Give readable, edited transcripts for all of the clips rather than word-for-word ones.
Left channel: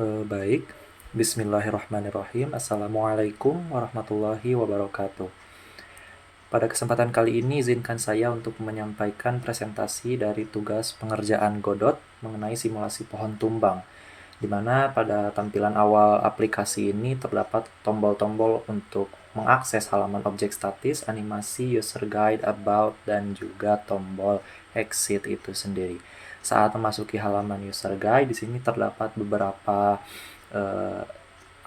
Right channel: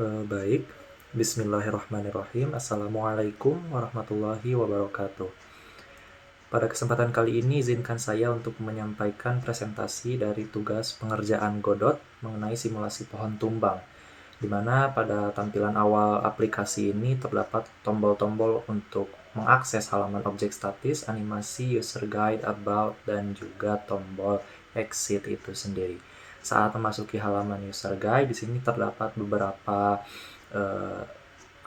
Baik, Bismillahirrahmanirrahim. Assalamualaikum warahmatullahi wabarakatuh. Pada kesempatan kali ini, izinkan saya untuk menyampaikan presentasi dari tugas pengerjaan Godot mengenai simulasi pohon tumbang, di mana pada tampilan awal aplikasi ini terdapat tombol-tombol untuk mengakses halaman objek statis, animasi, user guide, about, dan juga tombol exit itu sendiri. Saat memasuki halaman user guide, di sini terdapat beberapa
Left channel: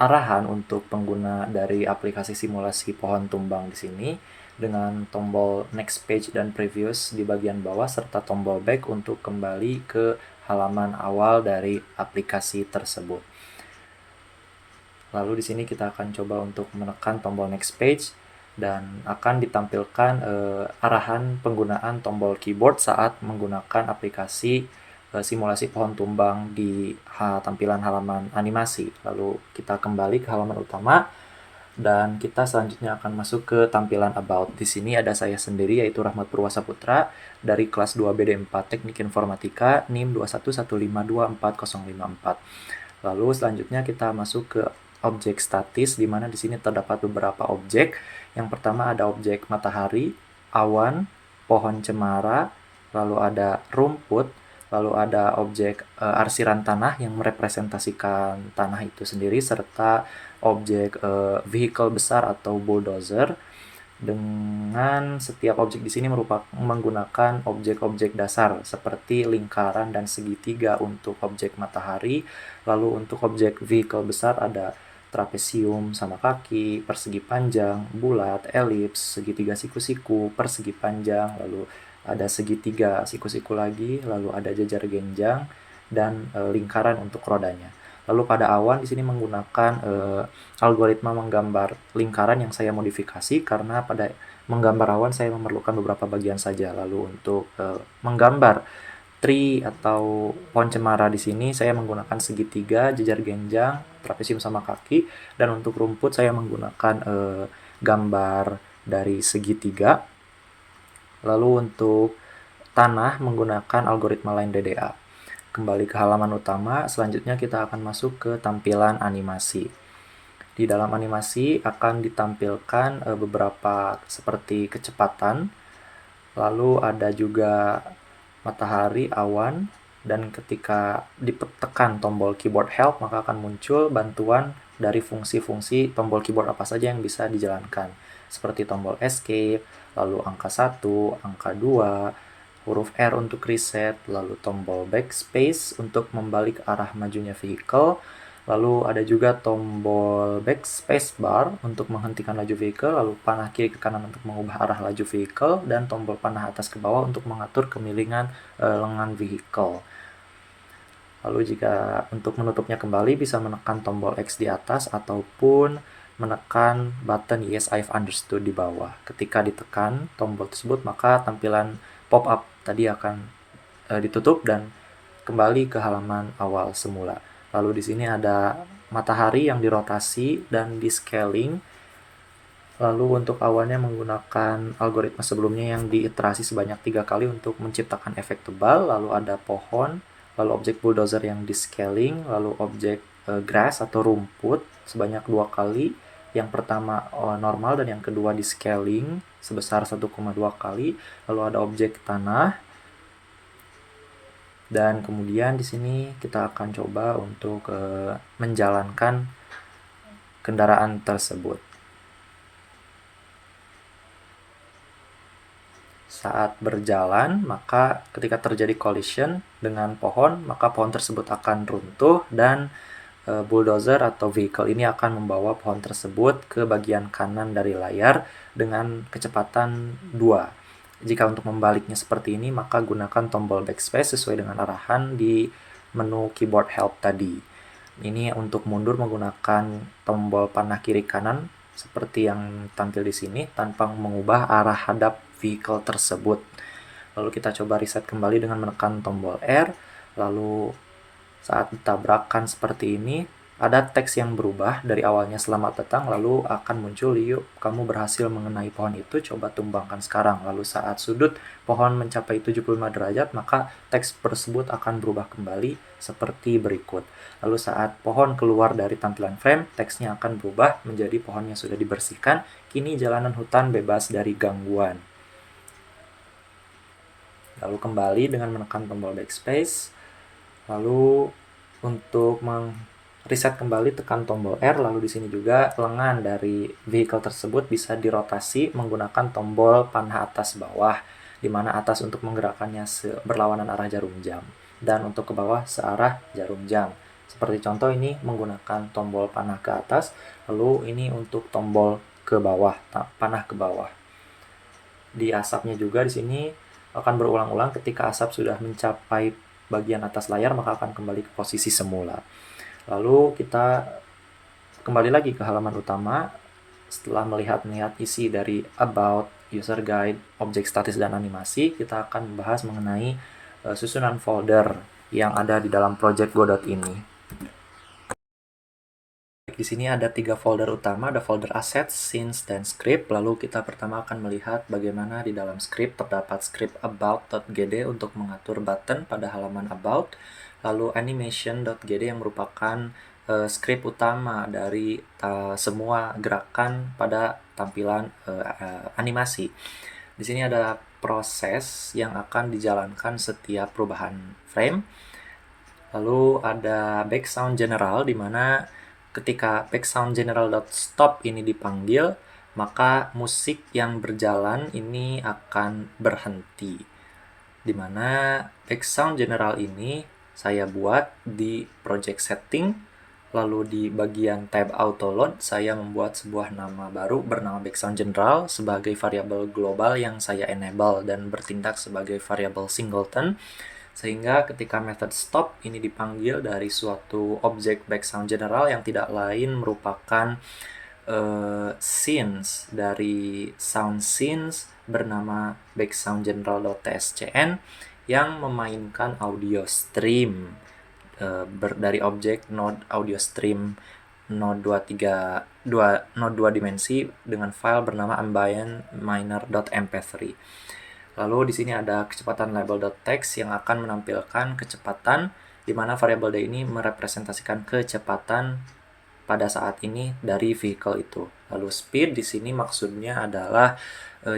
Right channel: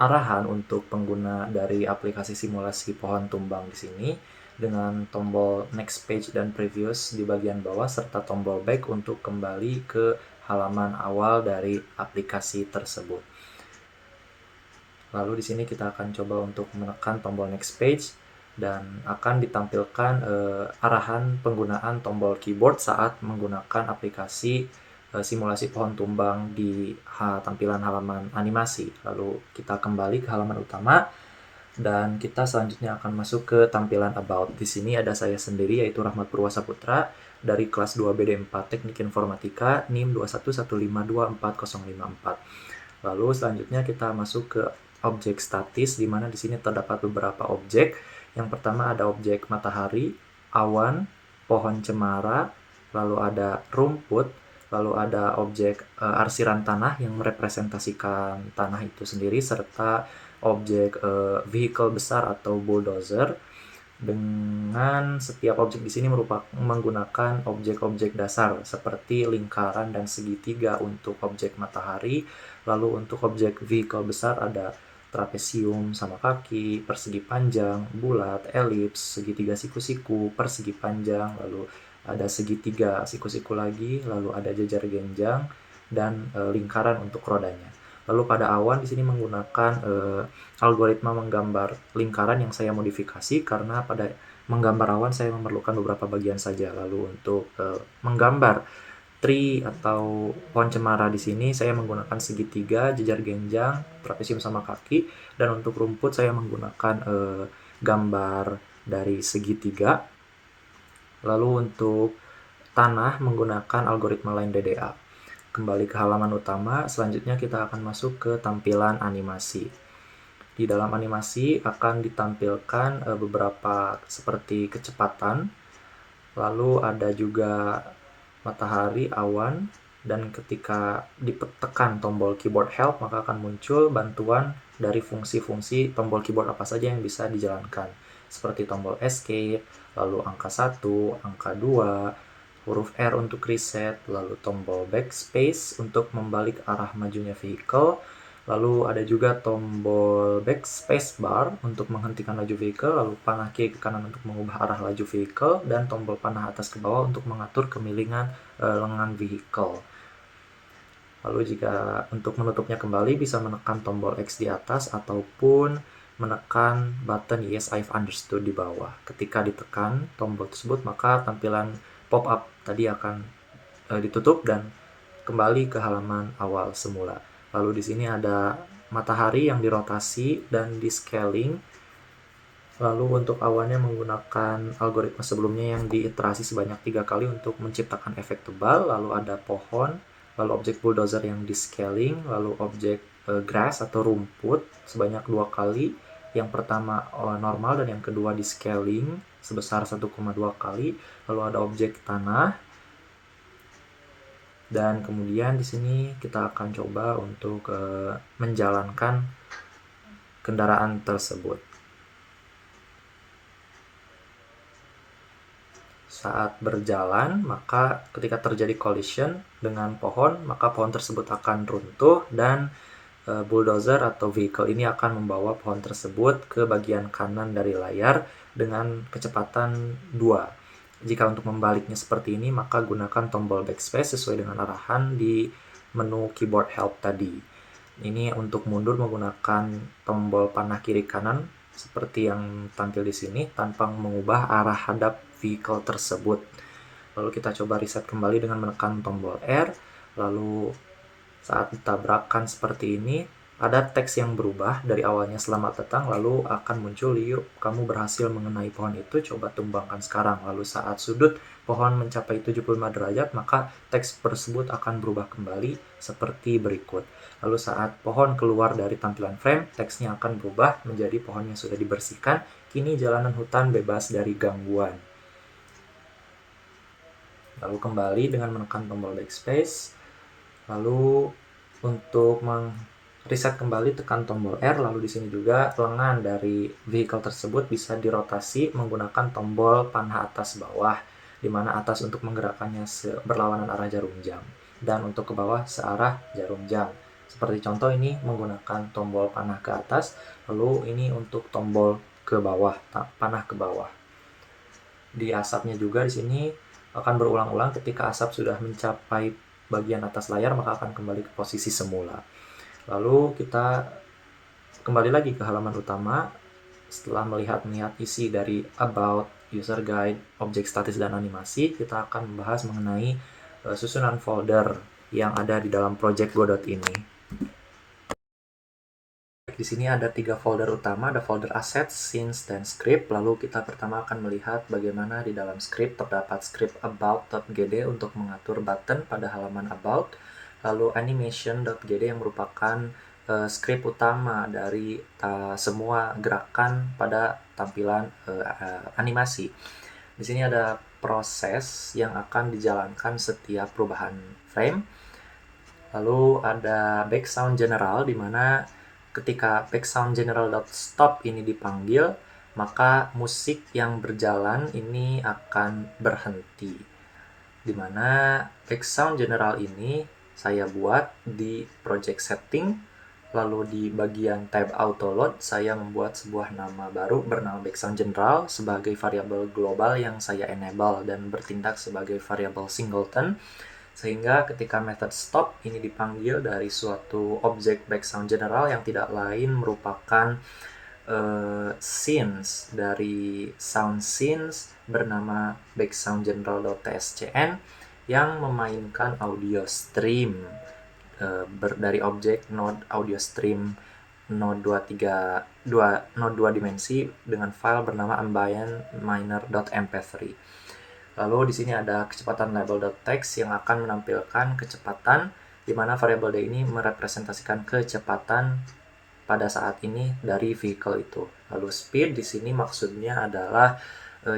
arahan untuk pengguna dari aplikasi simulasi pohon tumbang di sini dengan tombol next page dan previous di bagian bawah serta tombol back untuk kembali ke halaman awal dari aplikasi tersebut. Lalu di sini kita akan coba untuk menekan tombol next page dan akan ditampilkan arahan penggunaan tombol keyboard saat menggunakan aplikasi simulasi pohon tumbang di tampilan halaman animasi. Lalu kita kembali ke halaman utama dan kita selanjutnya akan masuk ke tampilan about. Di sini ada saya sendiri yaitu Rahmat Purwasaputra dari kelas 2 BD4 Teknik Informatika NIM 211524054. Lalu selanjutnya kita masuk ke objek statis di mana di sini terdapat beberapa objek. Yang pertama ada objek matahari, awan, pohon cemara, lalu ada rumput, lalu ada objek arsiran tanah yang merepresentasikan tanah itu sendiri, serta objek vehicle besar atau bulldozer. Dengan setiap objek di sini menggunakan objek-objek dasar seperti lingkaran dan segitiga untuk objek matahari. Lalu untuk objek vehicle besar ada trapesium sama kaki, persegi panjang, bulat, elips, segitiga siku-siku, persegi panjang, lalu ada segitiga siku-siku lagi, lalu ada jajar genjang, dan lingkaran untuk rodanya. Lalu pada awan di sini menggunakan algoritma menggambar lingkaran yang saya modifikasi karena pada menggambar awan saya memerlukan beberapa bagian saja. Lalu untuk menggambar tree atau pohon cemara di sini saya menggunakan segitiga, jajar genjang, trapesium sama kaki, dan untuk rumput saya menggunakan gambar dari segitiga. Lalu untuk tanah menggunakan algoritma line DDA. Kembali ke halaman utama, selanjutnya kita akan masuk ke tampilan animasi. Di dalam animasi akan ditampilkan beberapa seperti kecepatan, lalu ada juga matahari, awan, dan ketika ditekan tombol keyboard help maka akan muncul bantuan dari fungsi-fungsi tombol keyboard apa saja yang bisa dijalankan, seperti tombol escape, lalu angka 1, angka 2, huruf R untuk reset, lalu tombol backspace untuk membalik arah majunya vehicle, lalu ada juga tombol backspace bar untuk menghentikan laju vehicle, lalu panah kiri ke kanan untuk mengubah arah laju vehicle, dan tombol panah atas ke bawah untuk mengatur kemiringan lengan vehicle. Lalu jika untuk menutupnya kembali bisa menekan tombol X di atas ataupun menekan button Yes I've understood di bawah. Ketika ditekan tombol tersebut maka tampilan pop-up tadi akan ditutup dan kembali ke halaman awal semula. Lalu di sini ada matahari yang dirotasi dan di scaling. Lalu untuk awannya menggunakan algoritma sebelumnya yang diiterasi sebanyak 3 kali untuk menciptakan efek tebal. Lalu ada pohon, lalu objek bulldozer yang di scaling, lalu objek grass atau rumput sebanyak 2 kali. Yang pertama normal dan yang kedua di scaling sebesar 1,2 kali. Lalu ada objek tanah. Dan kemudian di sini kita akan coba untuk menjalankan kendaraan tersebut. Saat berjalan, maka ketika terjadi collision dengan pohon, maka pohon tersebut akan runtuh dan bulldozer atau vehicle ini akan membawa pohon tersebut ke bagian kanan dari layar dengan kecepatan 2. Jika untuk membaliknya seperti ini, maka gunakan tombol backspace sesuai dengan arahan di menu keyboard help tadi. Ini untuk mundur menggunakan tombol panah kiri kanan seperti yang tampil di sini tanpa mengubah arah hadap vehicle tersebut. Lalu kita coba reset kembali dengan menekan tombol R. Lalu saat ditabrakan seperti ini, ada teks yang berubah dari awalnya selamat datang, lalu akan muncul yuk kamu berhasil mengenai pohon itu, coba tumbangkan sekarang. Lalu saat sudut pohon mencapai 75 derajat, maka teks tersebut akan berubah kembali seperti berikut. Lalu saat pohon keluar dari tampilan frame, teksnya akan berubah menjadi pohon yang sudah dibersihkan, kini jalanan hutan bebas dari gangguan. Lalu kembali dengan menekan tombol backspace. Lalu untuk reset kembali tekan tombol R, lalu di sini juga lengan dari vehicle tersebut bisa dirotasi menggunakan tombol panah atas bawah, di mana atas untuk menggerakkannya berlawanan arah jarum jam dan untuk ke bawah searah jarum jam. Seperti contoh ini menggunakan tombol panah ke atas, lalu ini untuk tombol ke bawah, panah ke bawah. Di asapnya juga di sini akan berulang-ulang, ketika asap sudah mencapai bagian atas layar maka akan kembali ke posisi semula. Lalu kita kembali lagi ke halaman utama. Setelah melihat isi dari About, User Guide, Objek Statis, dan Animasi, kita akan membahas mengenai susunan folder yang ada di dalam project Godot ini. Di sini ada 3 folder utama, ada folder Assets, Scenes, dan Script. Lalu kita pertama akan melihat bagaimana di dalam script terdapat script about.gd untuk mengatur button pada halaman About. Lalu animation.gd yang merupakan script utama dari semua gerakan pada tampilan animasi. Di sini ada proses yang akan dijalankan setiap perubahan frame. Lalu ada background general, di mana ketika background general.stop ini dipanggil, maka musik yang berjalan ini akan berhenti. Di mana background general ini saya buat di project setting, lalu di bagian tab auto load saya membuat sebuah nama baru bernama background general sebagai variabel global yang saya enable dan bertindak sebagai variabel singleton, sehingga ketika method stop ini dipanggil dari suatu objek background general yang tidak lain merupakan scenes dari sound scenes bernama background general.tscn yang memainkan audio stream dari objek node audio stream node 2 dimensi dengan file bernama ambient-miner.mp3. Lalu di sini ada kecepatan label.text yang akan menampilkan kecepatan, di mana variabel D ini merepresentasikan kecepatan pada saat ini dari vehicle itu. Lalu speed di sini maksudnya adalah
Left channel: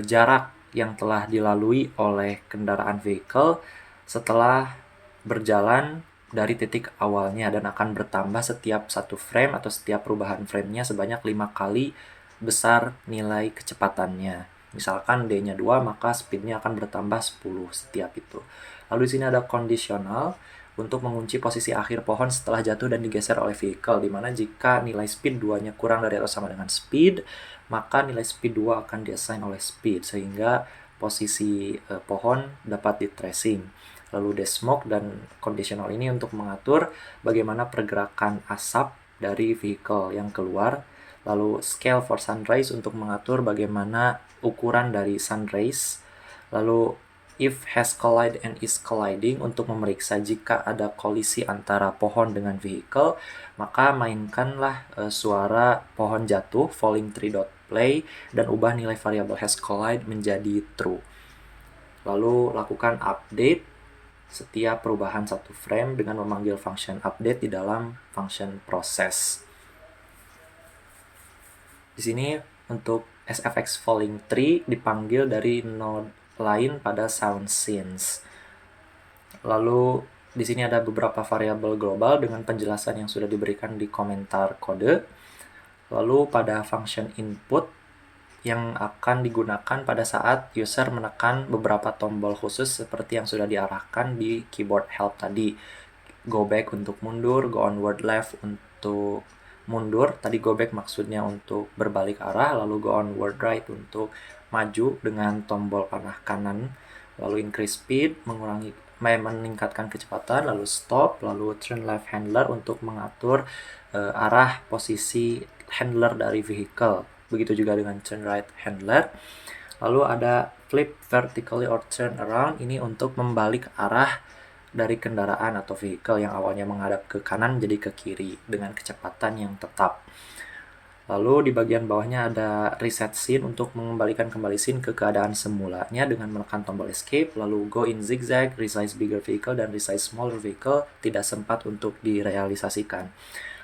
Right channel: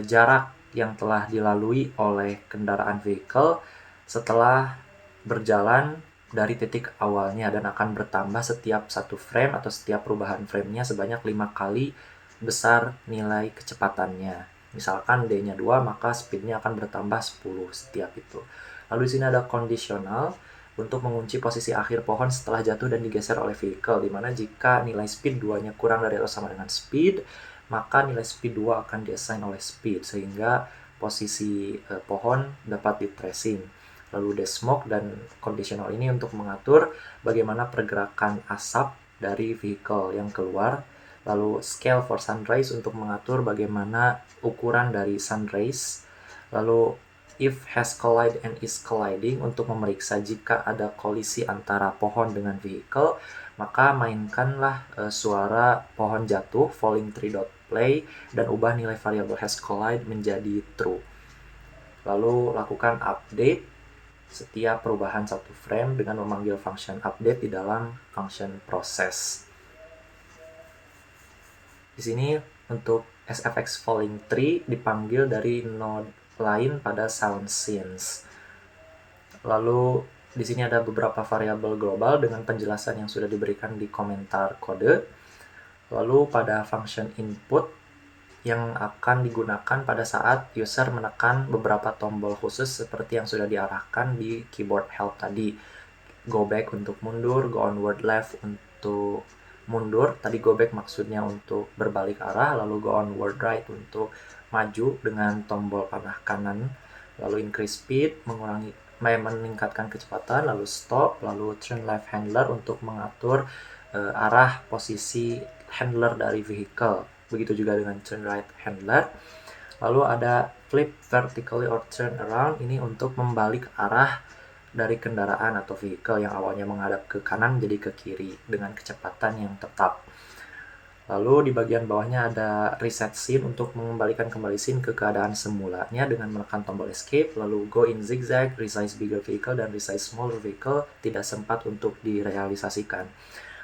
jarak yang telah dilalui oleh kendaraan vehicle setelah berjalan dari titik awalnya dan akan bertambah setiap satu frame atau setiap perubahan framenya sebanyak 5 kali besar nilai kecepatannya. Misalkan D-nya 2, maka speed-nya akan bertambah 10 setiap itu. Lalu di sini ada conditional untuk mengunci posisi akhir pohon setelah jatuh dan digeser oleh vehicle, di mana jika nilai speed 2-nya kurang dari atau sama dengan speed, maka nilai speed 2 akan diassign oleh speed, sehingga posisi pohon dapat di tracing. Lalu desmoke dan conditional ini untuk mengatur bagaimana pergerakan asap dari vehicle yang keluar. Lalu scale for sunrise untuk mengatur bagaimana ukuran dari sunrise. Lalu if has collide and is colliding untuk memeriksa jika ada kolisi antara pohon dengan vehicle, maka mainkanlah suara pohon jatuh falling tree.play dan ubah nilai variabel has collide menjadi true. Lalu lakukan update setiap perubahan satu frame dengan memanggil function update di dalam function process. Di sini untuk sfx falling tree dipanggil dari node lain pada sound scenes. Lalu di sini ada beberapa variabel global dengan penjelasan yang sudah diberikan di komentar kode. Lalu pada function input yang akan digunakan pada saat user menekan beberapa tombol khusus seperti yang sudah diarahkan di keyboard help tadi. Go back untuk mundur, go onward left untuk mundur. Tadi go back maksudnya untuk berbalik arah, lalu go onward right untuk maju dengan tombol panah kanan. Lalu increase speed meningkatkan kecepatan, lalu stop, lalu turn left handler untuk mengatur arah posisi handler dari vehicle. Begitu juga dengan turn right handler. Lalu ada flip vertically or turn around, ini untuk membalik arah dari kendaraan atau vehicle yang awalnya menghadap ke kanan jadi ke kiri dengan kecepatan yang tetap. Lalu di bagian bawahnya ada reset scene untuk mengembalikan kembali scene ke keadaan semulanya dengan menekan tombol escape, lalu go in zigzag, resize bigger vehicle, dan resize smaller vehicle tidak sempat untuk direalisasikan.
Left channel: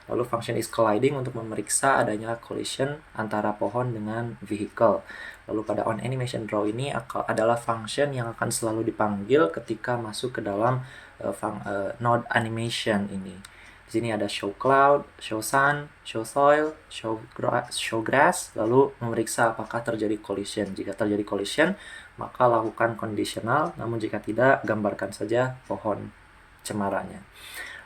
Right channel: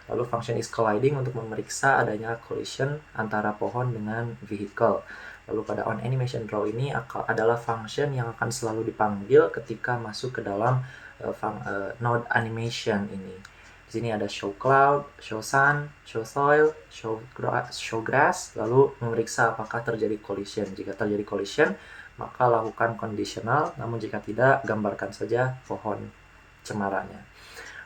Lalu function is colliding untuk memeriksa adanya collision antara pohon dengan vehicle. Lalu pada on animation draw ini adalah function yang akan selalu dipanggil ketika masuk ke dalam node animation ini. Di sini ada show cloud, show sun, show soil, show grass, lalu memeriksa apakah terjadi collision. Jika terjadi collision, maka lakukan conditional, namun jika tidak, gambarkan saja pohon cemaranya.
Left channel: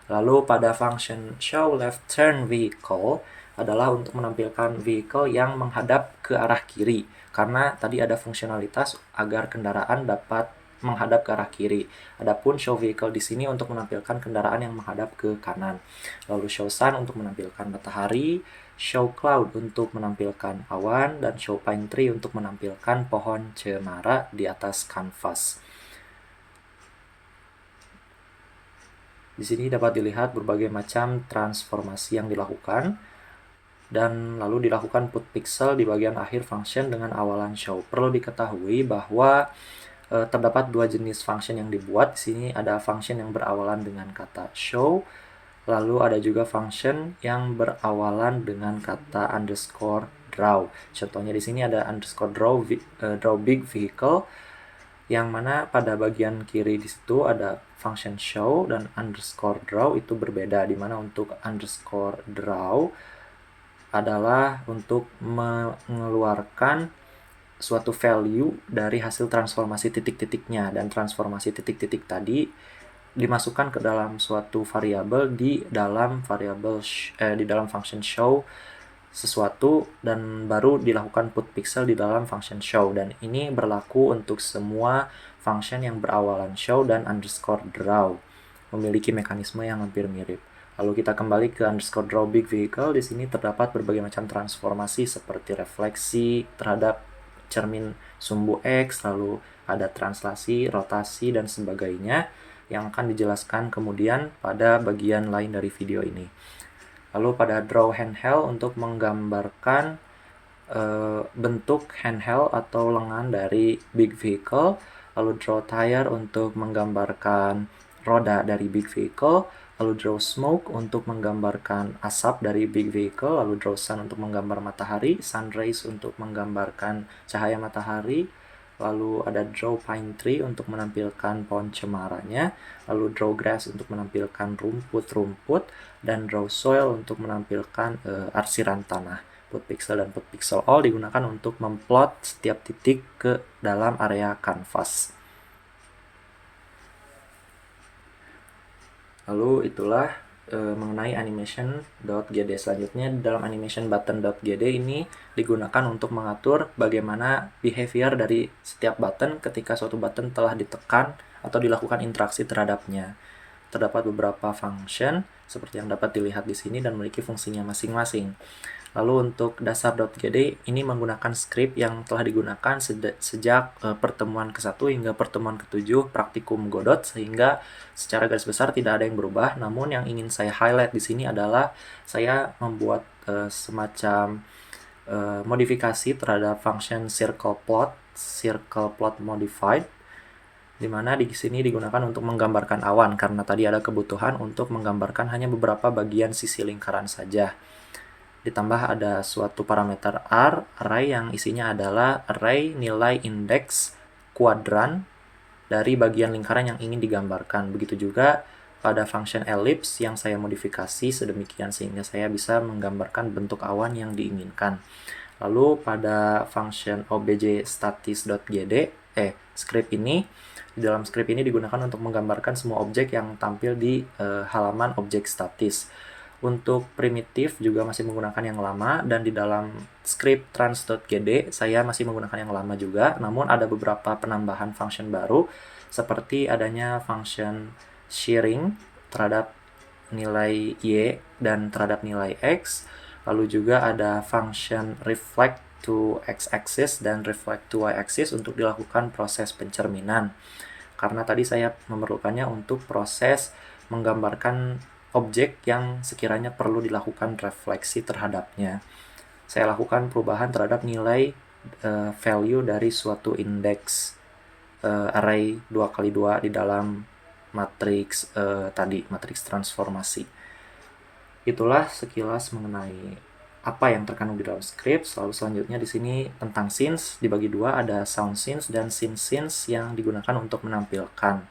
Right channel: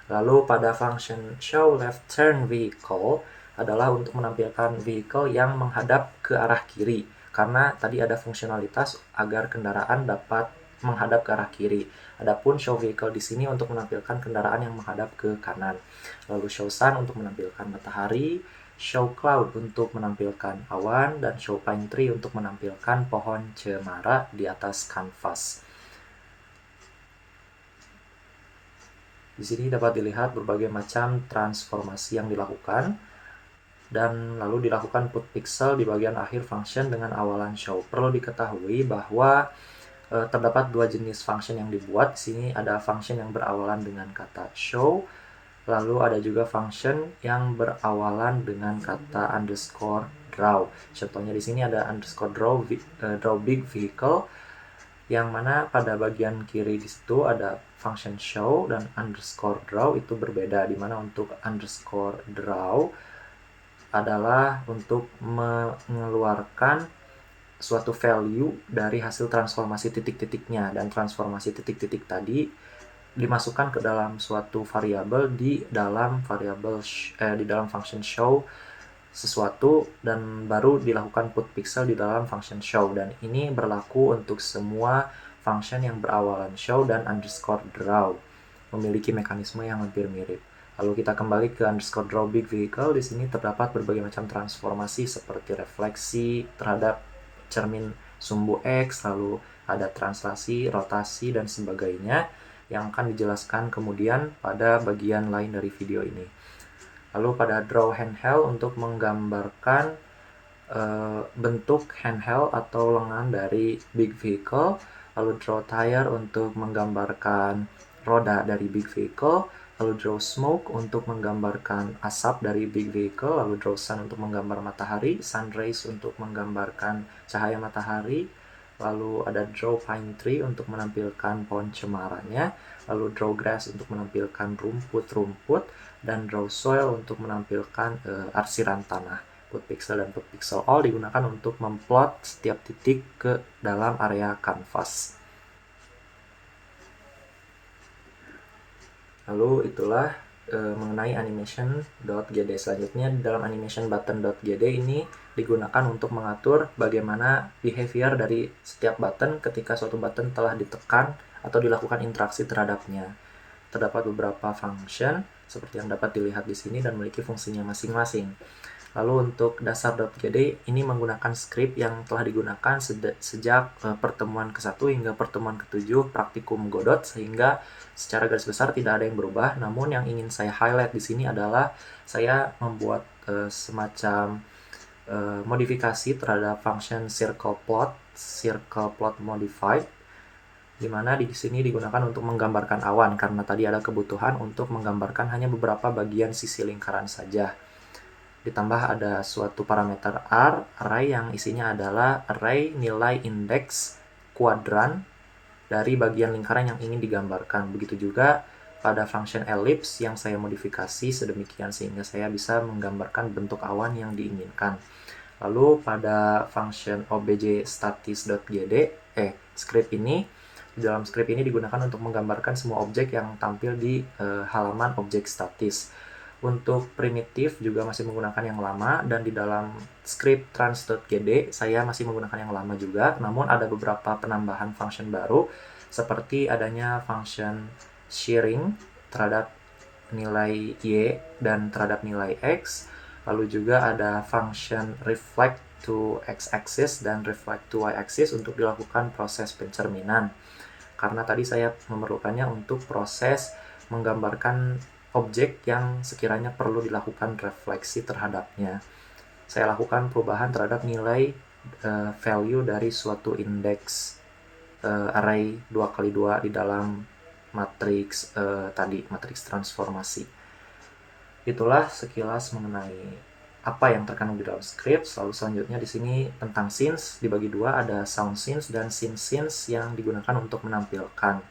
Lalu pada function show left turn vehicle adalah untuk menampilkan vehicle yang menghadap ke arah kiri, karena tadi ada fungsionalitas agar kendaraan dapat menghadap ke arah kiri. Adapun show vehicle di sini untuk menampilkan kendaraan yang menghadap ke kanan. Lalu show sun untuk menampilkan matahari, show cloud untuk menampilkan awan, dan show pine tree untuk menampilkan pohon cemara di atas kanvas. Di sini dapat dilihat berbagai macam transformasi yang dilakukan, dan lalu dilakukan put pixel di bagian akhir function dengan awalan show. Perlu diketahui bahwa terdapat dua jenis function yang dibuat. Di sini ada function yang berawalan dengan kata show, lalu ada juga function yang berawalan dengan kata underscore draw. Contohnya di sini ada underscore draw big vehicle, yang mana pada bagian kiri di situ ada function show, dan underscore draw itu berbeda, di mana untuk underscore draw adalah untuk mengeluarkan suatu value dari hasil transformasi titik-titiknya, dan transformasi titik-titik tadi dimasukkan ke dalam suatu variabel di dalam di dalam function show sesuatu, dan baru dilakukan put pixel di dalam function show. Dan ini berlaku untuk semua function yang berawalan show dan underscore draw, memiliki mekanisme yang hampir mirip. Lalu kita kembali ke underscore draw big vehicle. Di sini terdapat berbagai macam transformasi seperti refleksi terhadap cermin sumbu X, lalu ada translasi, rotasi, dan sebagainya yang akan dijelaskan kemudian pada bagian lain dari video ini. Lalu pada draw handheld untuk menggambarkan bentuk handheld atau lengan dari big vehicle, lalu draw tire untuk menggambarkan roda dari big vehicle, lalu draw smoke untuk menggambarkan asap dari big vehicle, lalu draw sun untuk menggambar matahari, sun rays untuk menggambarkan cahaya matahari, lalu ada draw pine tree untuk menampilkan pohon cemaranya, lalu draw grass untuk menampilkan rumput-rumput, dan draw soil untuk menampilkan arsiran tanah. Put pixel dan put pixel all digunakan untuk memplot setiap titik ke dalam area kanvas. Lalu itulah mengenai animation.gd. Selanjutnya dalam animation button.gd ini digunakan untuk mengatur bagaimana behavior dari setiap button ketika suatu button telah ditekan atau dilakukan interaksi terhadapnya. Terdapat beberapa function seperti yang dapat dilihat di sini dan memiliki fungsinya masing-masing. Lalu untuk dasar.gd ini menggunakan script yang telah digunakan sejak pertemuan ke-1 hingga pertemuan ke-7 praktikum Godot, sehingga secara garis besar tidak ada yang berubah. Namun yang ingin saya highlight di sini adalah saya membuat semacam modifikasi terhadap function circle plot modified, di mana di sini digunakan untuk menggambarkan awan karena tadi ada kebutuhan untuk menggambarkan hanya beberapa bagian sisi lingkaran saja. Ditambah ada suatu parameter array yang isinya adalah array nilai indeks kuadran dari bagian lingkaran yang ingin digambarkan. Begitu juga pada function ellipse yang saya modifikasi sedemikian sehingga saya bisa menggambarkan bentuk awan yang diinginkan. Lalu pada function objstatis.gd, script ini, di dalam script ini digunakan untuk menggambarkan semua objek yang tampil di halaman objek statis. Untuk primitif juga masih menggunakan yang lama, dan di dalam script trans.gd saya masih menggunakan yang lama juga, namun ada beberapa penambahan function baru seperti adanya function shearing terhadap nilai y dan terhadap nilai x, lalu juga ada function reflect to x-axis dan reflect to y-axis untuk dilakukan proses pencerminan. karena tadi saya memerlukannya untuk proses menggambarkan objek yang sekiranya perlu dilakukan refleksi terhadapnya. Saya lakukan perubahan terhadap nilai value dari suatu indeks array 2x2 di dalam matriks matriks transformasi. Itulah sekilas mengenai apa yang terkandung di dalam script. Lalu selanjutnya di sini tentang scenes dibagi dua, ada sound scenes dan scene scenes yang digunakan untuk menampilkan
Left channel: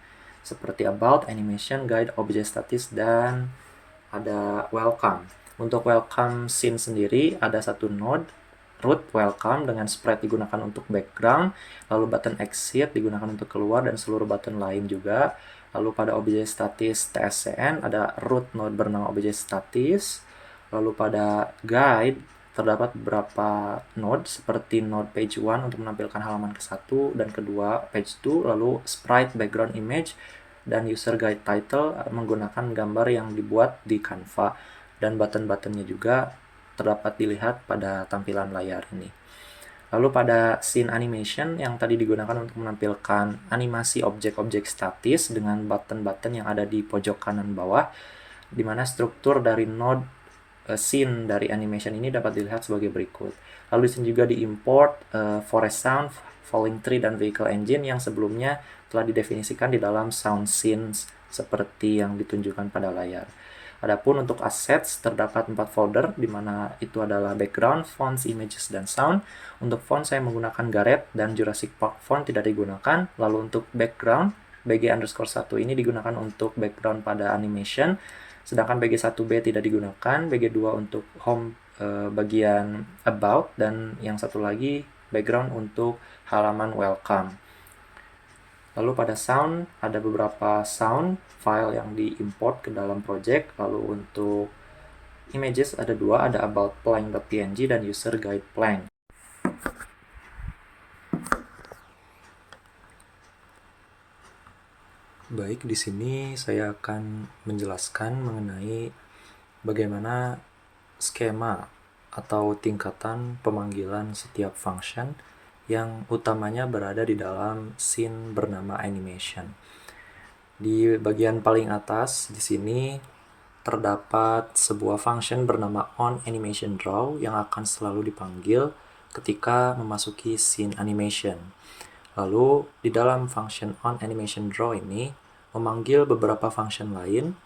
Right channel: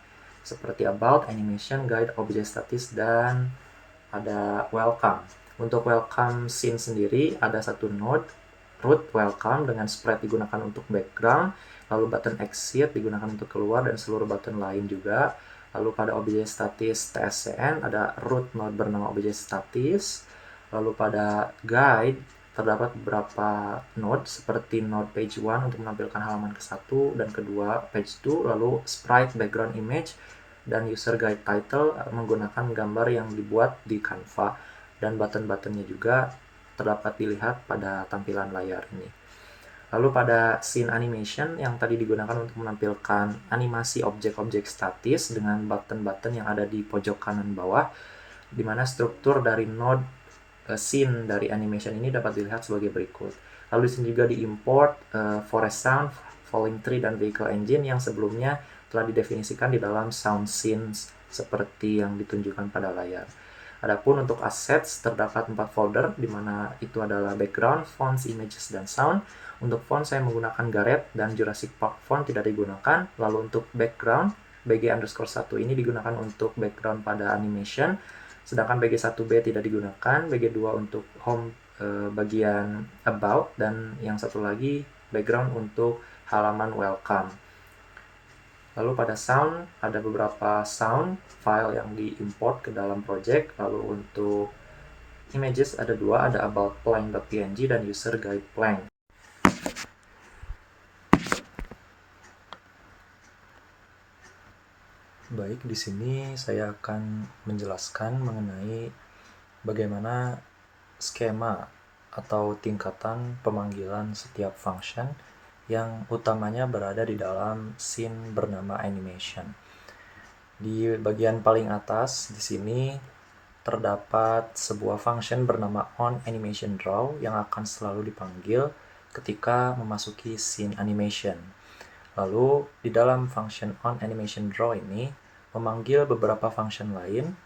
seperti about, animation, guide, object statis, dan ada welcome. Untuk welcome scene sendiri ada satu node root welcome dengan sprite digunakan untuk background, lalu button exit digunakan untuk keluar dan seluruh button lain juga. Lalu pada objek statis tscn ada root node bernama objek statis. Lalu pada guide terdapat beberapa node seperti node page 1 untuk menampilkan halaman ke-1 dan kedua page 2, lalu sprite background image dan user guide title menggunakan gambar yang dibuat di Canva, dan button-buttonnya juga terdapat dilihat pada tampilan layar ini. Lalu pada scene animation yang tadi digunakan untuk menampilkan animasi objek-objek statis dengan button-button yang ada di pojok kanan bawah, di mana struktur dari node scene dari animation ini dapat dilihat sebagai berikut. Lalu di sini juga diimport forest sound, falling tree, dan vehicle engine yang sebelumnya telah didefinisikan di dalam sound scenes seperti yang ditunjukkan pada layar. Adapun untuk assets terdapat 4 folder, di mana itu adalah background, fonts, images, dan sound. Untuk font saya menggunakan Gareth dan Jurassic Park font tidak digunakan. Lalu untuk background, BG_1 ini digunakan untuk background pada animation, sedangkan BG1B tidak digunakan, BG2 untuk home bagian about, dan yang satu lagi background untuk halaman welcome. Lalu pada sound ada beberapa sound file yang diimport ke dalam project. Lalu untuk images ada dua, ada about plank.png dan user guide plank. Baik, di sini saya akan menjelaskan mengenai bagaimana skema atau tingkatan pemanggilan setiap function yang utamanya berada di dalam scene bernama animation. Di bagian paling atas di sini terdapat sebuah function bernama onAnimationDraw yang akan selalu dipanggil ketika memasuki scene animation. Lalu di dalam function onAnimationDraw ini memanggil beberapa function lain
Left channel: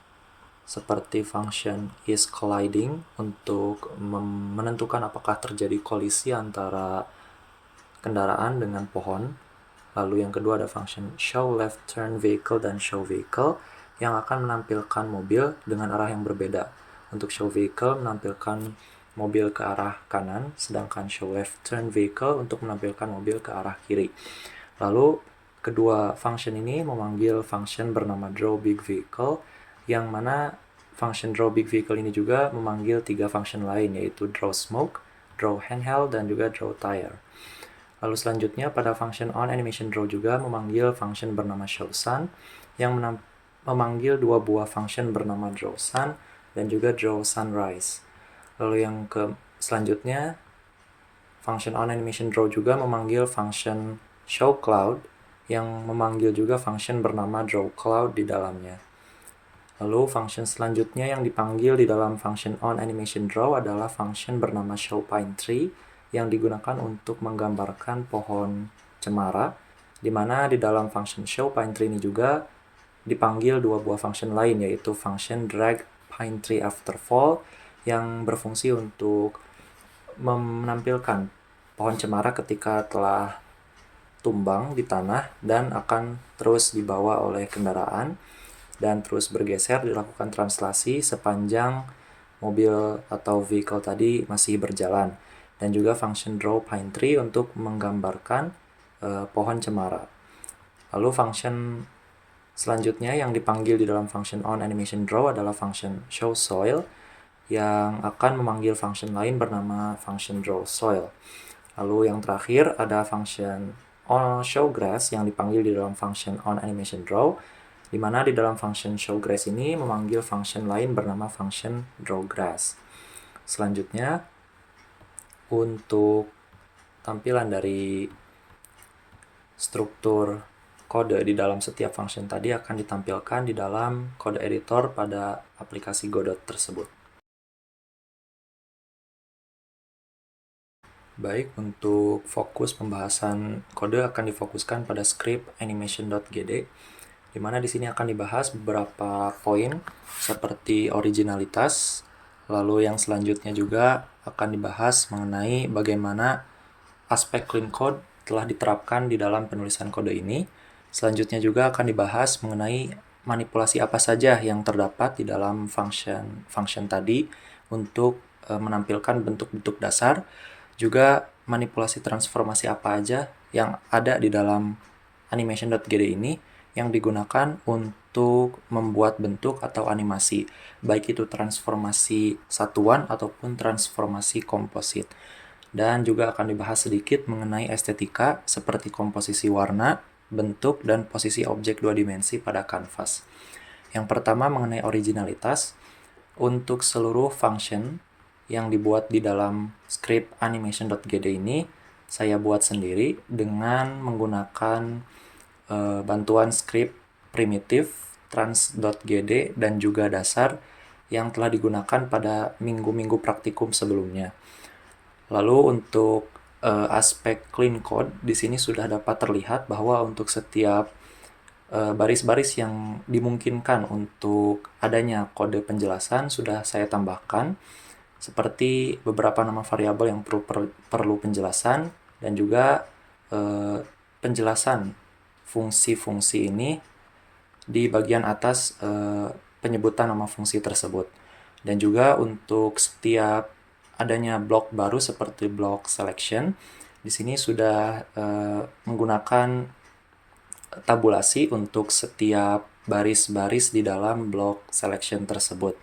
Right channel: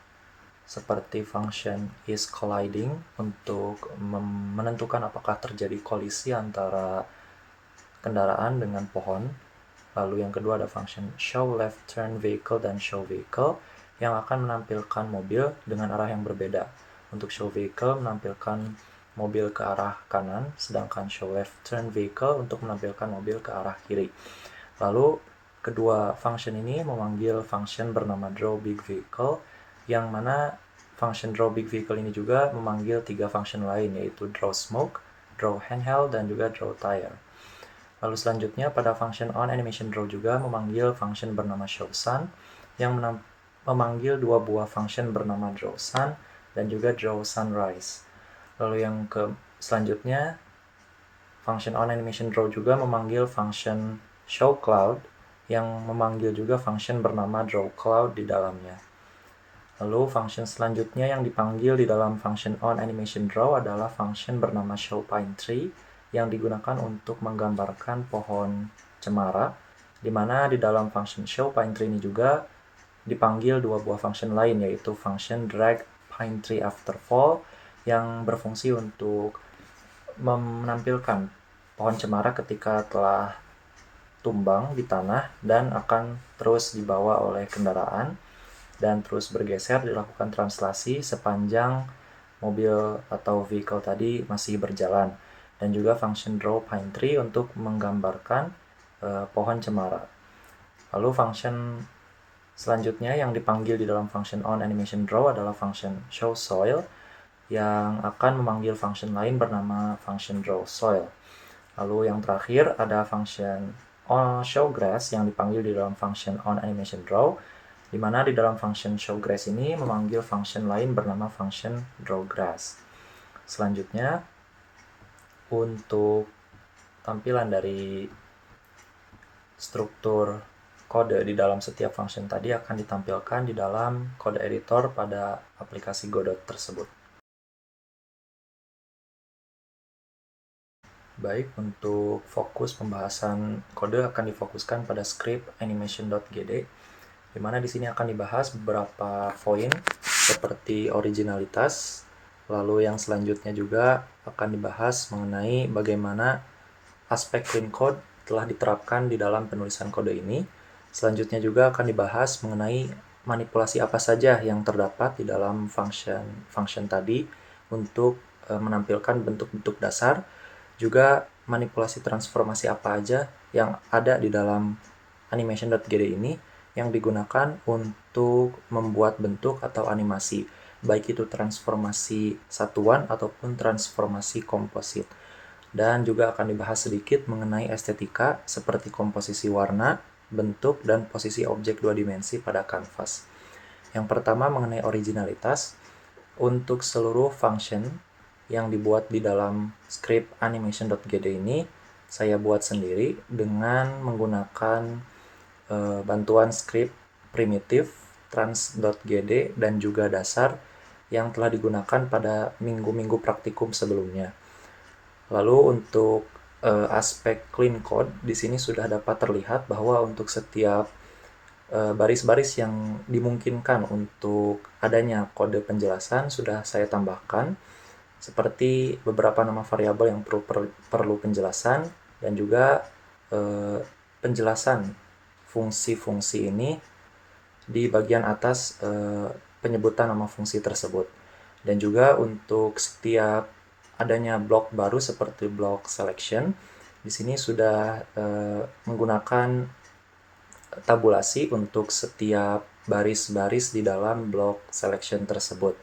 seperti function isColliding untuk menentukan apakah terjadi kolisi antara kendaraan dengan pohon. Lalu yang kedua ada function showLeftTurnVehicle dan showVehicle yang akan menampilkan mobil dengan arah yang berbeda. Untuk showVehicle menampilkan mobil ke arah kanan, sedangkan showLeftTurnVehicle untuk menampilkan mobil ke arah kiri. Lalu kedua function ini memanggil function bernama drawBigVehicle, yang mana function drawBigVehicle ini juga memanggil tiga function lain, yaitu drawSmoke, drawHandheld, dan juga drawTire. Lalu selanjutnya pada function onAnimationDraw juga memanggil function bernama showSun yang memanggil dua buah function bernama drawSun dan juga drawSunrise. Lalu yang selanjutnya function onAnimationDraw juga memanggil function showCloud yang memanggil juga function bernama drawCloud di dalamnya. Lalu function selanjutnya yang dipanggil di dalam function onAnimationDraw adalah function bernama showPineTree yang digunakan untuk menggambarkan pohon cemara, di mana di dalam function showPineTree ini juga dipanggil dua buah function lain, yaitu function dragPineTreeAfterFall yang berfungsi untuk menampilkan pohon cemara ketika telah tumbang di tanah dan akan terus dibawa oleh kendaraan dan terus bergeser, dilakukan translasi sepanjang mobil atau vehicle tadi masih berjalan. Dan juga function drawPineTree untuk menggambarkan pohon cemara. Lalu function selanjutnya yang dipanggil di dalam function onAnimationDraw adalah function showSoil yang akan memanggil function lain bernama function drawSoil. Lalu yang terakhir ada function showGrass yang dipanggil di dalam function onAnimationDraw, di mana di dalam function showGrass ini memanggil function lain bernama function drawGrass. Selanjutnya, untuk tampilan dari struktur kode di dalam setiap function tadi akan ditampilkan di dalam kode editor pada aplikasi Godot tersebut. Baik, untuk fokus pembahasan kode akan difokuskan pada script animation.gd, di mana di sini akan dibahas beberapa poin seperti originalitas, lalu yang selanjutnya juga akan dibahas mengenai bagaimana aspek clean code telah diterapkan di dalam penulisan kode ini. Selanjutnya juga akan dibahas mengenai manipulasi apa saja yang terdapat di dalam function tadi untuk menampilkan bentuk-bentuk dasar, juga manipulasi transformasi apa aja yang ada di dalam animation.gd ini yang digunakan untuk membuat bentuk atau animasi, baik itu transformasi satuan ataupun transformasi komposit. Dan juga akan dibahas sedikit mengenai estetika seperti komposisi warna, bentuk, dan posisi objek dua dimensi pada kanvas. Yang pertama mengenai originalitas. Untuk seluruh function yang dibuat di dalam script animation.gd ini, saya buat sendiri dengan menggunakan bantuan script primitif trans.gd dan juga dasar yang telah digunakan pada minggu-minggu praktikum sebelumnya. Lalu untuk aspek clean code, di sini sudah dapat terlihat bahwa untuk setiap baris-baris yang dimungkinkan untuk adanya kode penjelasan sudah saya tambahkan, seperti beberapa nama variabel yang perlu penjelasan, dan juga penjelasan fungsi-fungsi ini di bagian atas penyebutan nama fungsi tersebut. Dan juga untuk setiap adanya blok baru seperti blok selection, di sini sudah menggunakan tabulasi untuk setiap baris-baris di dalam blok selection tersebut.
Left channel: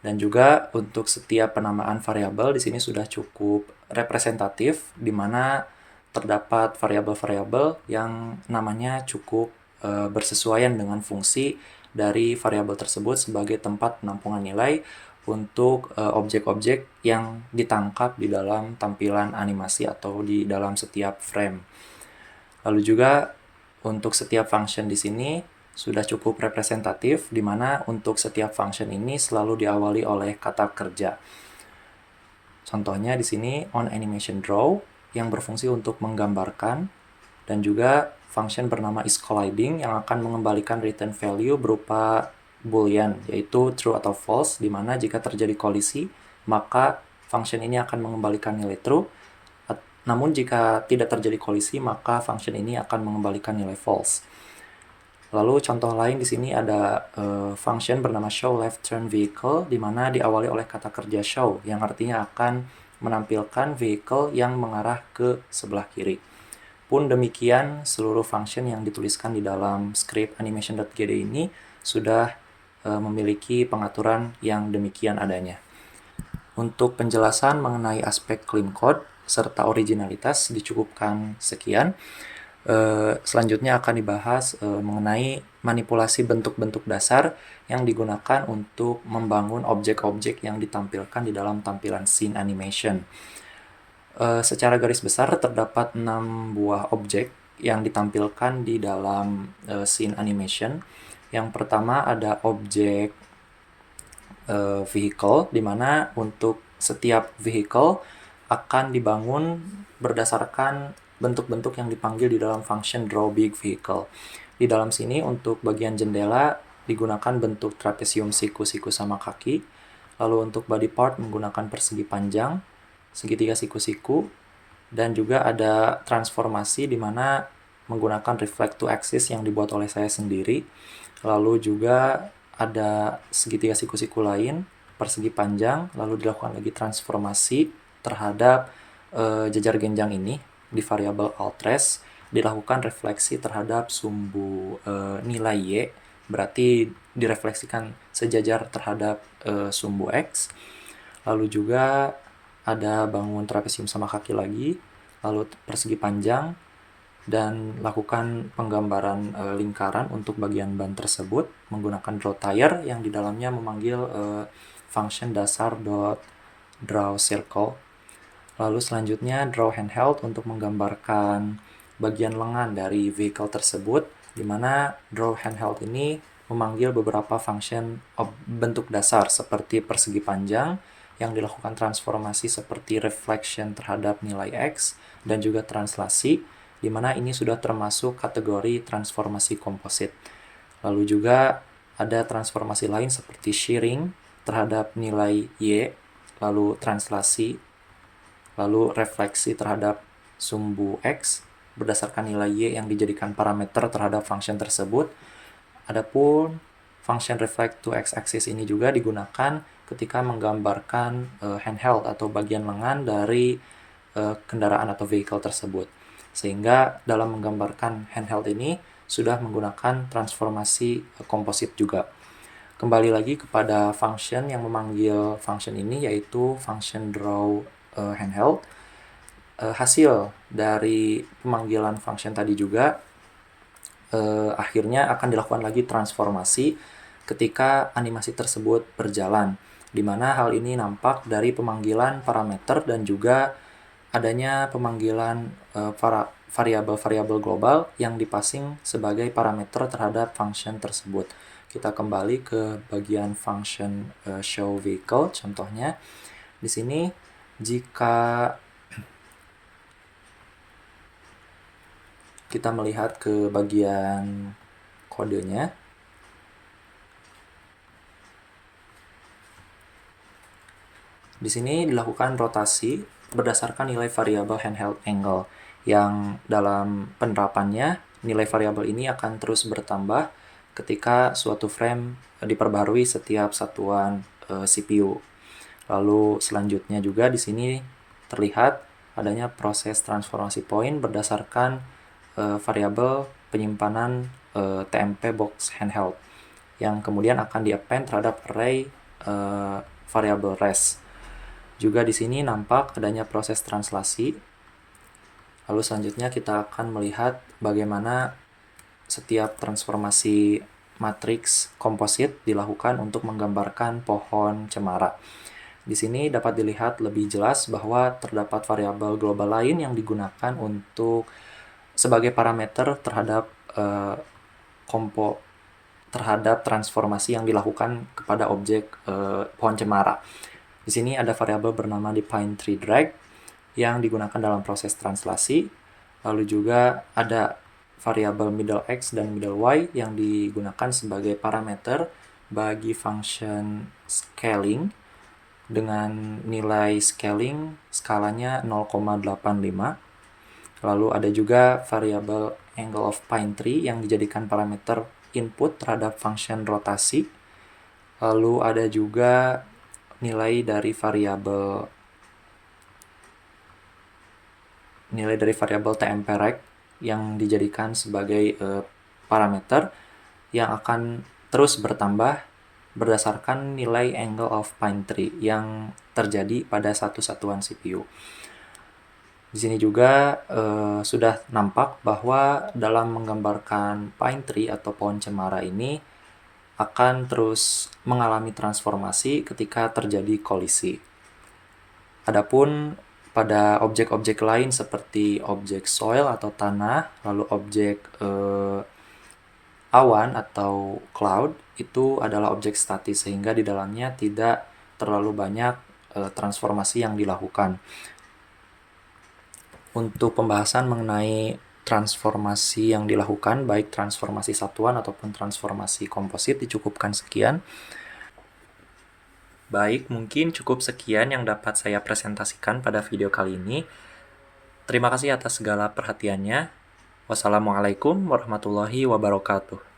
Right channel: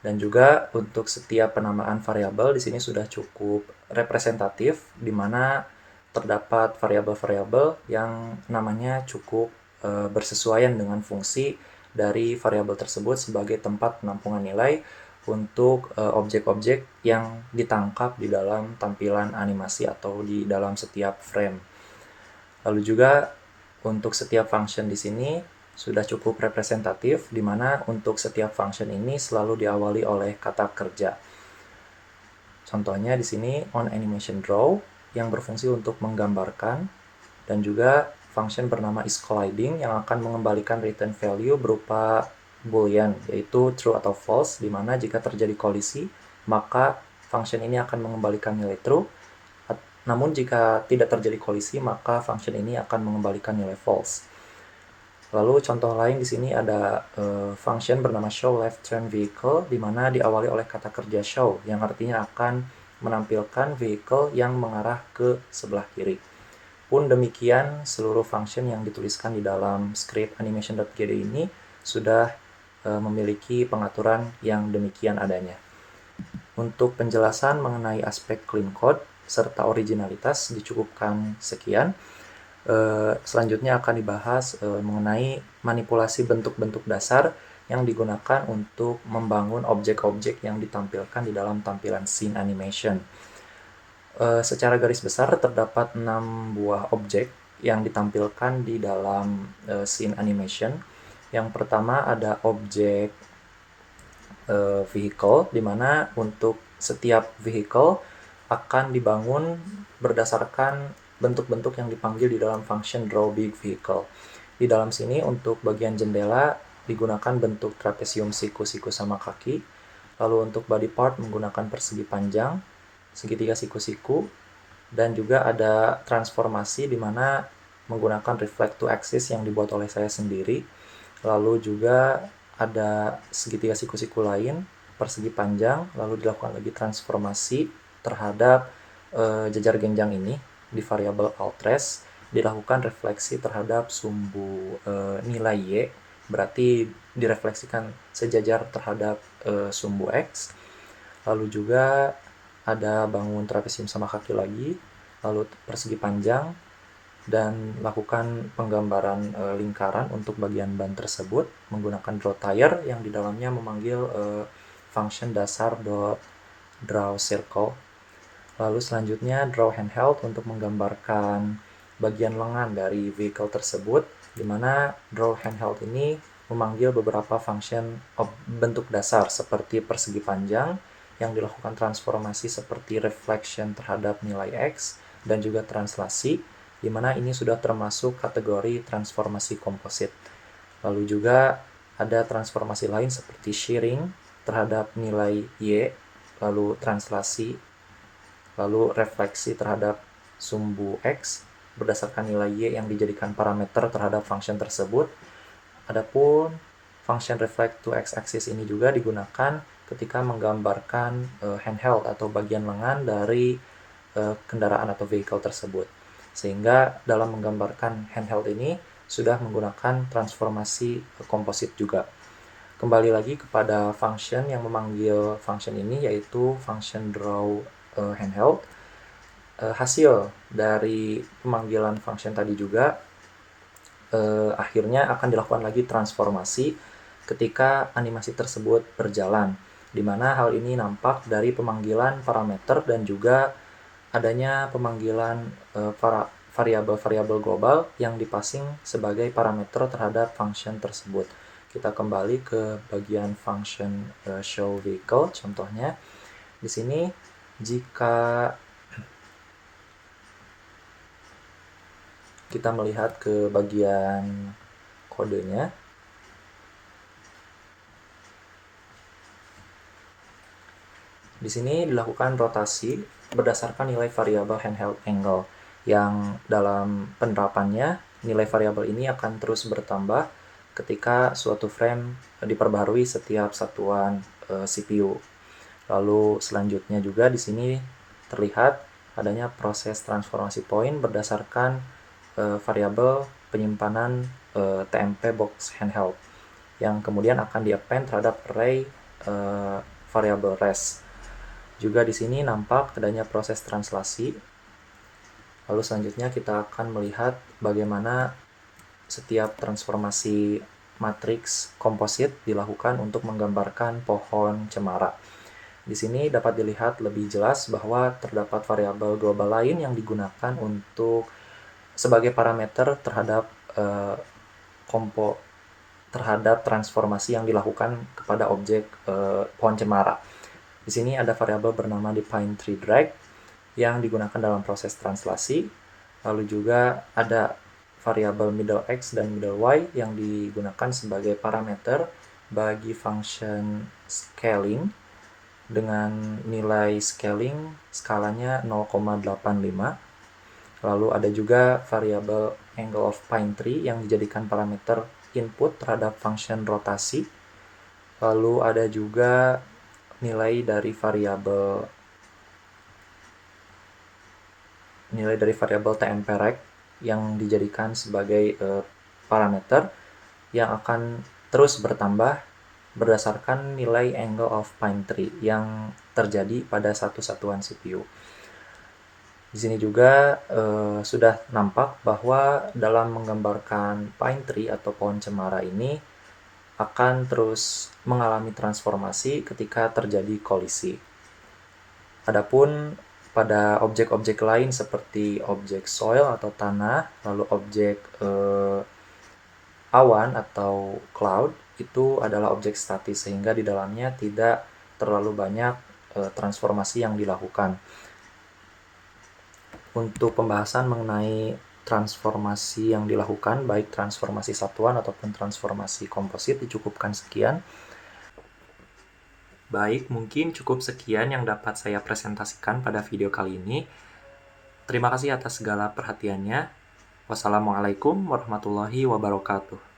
Dan juga untuk setiap penamaan variabel di sini sudah cukup representatif, di mana terdapat variabel-variabel yang namanya cukup bersesuaian dengan fungsi dari variabel tersebut sebagai tempat penampungan nilai untuk objek-objek yang ditangkap di dalam tampilan animasi atau di dalam setiap frame. Lalu juga untuk setiap function di sini sudah cukup representatif, di mana untuk setiap function ini selalu diawali oleh kata kerja. Contohnya di sini on animation draw yang berfungsi untuk menggambarkan, dan juga function bernama isColliding yang akan mengembalikan return value berupa boolean, yaitu true atau false, di mana jika terjadi kolisi maka function ini akan mengembalikan nilai true. Namun jika tidak terjadi kolisi, maka function ini akan mengembalikan nilai false. Lalu contoh lain di sini ada function bernama show left turn vehicle, di mana diawali oleh kata kerja show, yang artinya akan menampilkan vehicle yang mengarah ke sebelah kiri. Pun demikian, seluruh function yang dituliskan di dalam script animation.gd ini sudah memiliki pengaturan yang demikian adanya. Untuk penjelasan mengenai aspek clean code serta originalitas dicukupkan sekian. Selanjutnya akan dibahas mengenai manipulasi bentuk-bentuk dasar yang digunakan untuk membangun objek-objek yang ditampilkan di dalam tampilan scene animation. Secara garis besar terdapat 6 buah objek yang ditampilkan di dalam scene animation. Yang pertama ada objek vehicle, di mana untuk setiap vehicle akan dibangun berdasarkan bentuk-bentuk yang dipanggil di dalam function draw big vehicle. Di dalam sini untuk bagian jendela digunakan bentuk trapesium siku-siku sama kaki. Lalu untuk body part menggunakan persegi panjang, segitiga siku-siku, dan juga ada transformasi di mana menggunakan reflect to axis yang dibuat oleh saya sendiri. Lalu juga ada segitiga siku-siku lain, persegi panjang, lalu dilakukan lagi transformasi terhadap jejar genjang ini di variabel altRes, dilakukan refleksi terhadap sumbu nilai Y, berarti direfleksikan sejajar terhadap sumbu X. Lalu juga ada bangun trapesium sama kaki lagi, lalu persegi panjang, dan lakukan penggambaran lingkaran untuk bagian ban tersebut menggunakan draw tire yang di dalamnya memanggil function dasar draw circle. Lalu selanjutnya draw handheld untuk menggambarkan bagian lengan dari vehicle tersebut, di mana draw handheld ini memanggil beberapa function bentuk dasar seperti persegi panjang yang dilakukan transformasi seperti reflection terhadap nilai X dan juga translasi, di mana ini sudah termasuk kategori transformasi komposit. Lalu juga ada transformasi lain seperti shearing terhadap nilai Y, lalu translasi, lalu refleksi terhadap sumbu X berdasarkan nilai Y yang dijadikan parameter terhadap function tersebut. Adapun function reflect to x-axis ini juga digunakan ketika menggambarkan handheld atau bagian lengan dari kendaraan atau vehicle tersebut. Sehingga dalam menggambarkan handheld ini sudah menggunakan transformasi komposit juga. Kembali lagi kepada function yang memanggil function ini, yaitu function draw handheld. Hasil dari pemanggilan function tadi juga akhirnya akan dilakukan lagi transformasi ketika animasi tersebut berjalan, di mana hal ini nampak dari pemanggilan parameter dan juga adanya pemanggilan variabel-variabel global yang dipassing sebagai parameter terhadap function tersebut. Kita kembali ke bagian function show vehicle. Contohnya di sini, jika kita melihat ke bagian kodenya, di sini dilakukan rotasi berdasarkan nilai variabel handheld angle, yang dalam penerapannya nilai variabel ini akan terus bertambah ketika suatu frame diperbaharui setiap satuan CPU. Lalu selanjutnya juga di sini terlihat adanya proses transformasi point berdasarkan variabel penyimpanan TMP box handheld yang kemudian akan di-append terhadap array variabel res. Juga di sini nampak adanya proses translasi. Lalu selanjutnya kita akan melihat bagaimana setiap transformasi matriks komposit dilakukan untuk menggambarkan pohon cemara. Di sini dapat dilihat lebih jelas bahwa terdapat variabel global lain yang digunakan untuk sebagai parameter terhadap terhadap transformasi yang dilakukan kepada objek pohon cemara. Di sini ada variabel bernama define tree drag yang digunakan dalam proses translasi. Lalu juga ada variabel middle x dan middle y yang digunakan sebagai parameter bagi function scaling dengan nilai scaling skalanya 0,85. Lalu ada juga variabel angle of pine tree yang dijadikan parameter input terhadap function rotasi. Lalu ada juga nilai dari variabel TMP rect yang dijadikan sebagai parameter yang akan terus bertambah berdasarkan nilai angle of pine tree yang terjadi pada satu satuan CPU. Di sini juga sudah nampak bahwa dalam menggambarkan pine tree atau pohon cemara ini akan terus mengalami transformasi ketika terjadi kolisi. Adapun pada objek-objek lain seperti objek soil atau tanah, lalu objek awan atau cloud, itu adalah objek statis sehingga di dalamnya tidak terlalu banyak transformasi yang dilakukan. Untuk pembahasan mengenai transformasi yang dilakukan, baik transformasi satuan ataupun transformasi komposit, dicukupkan sekian. Baik, mungkin cukup sekian yang dapat saya presentasikan pada video kali ini. Terima kasih atas segala perhatiannya. Wassalamualaikum warahmatullahi wabarakatuh.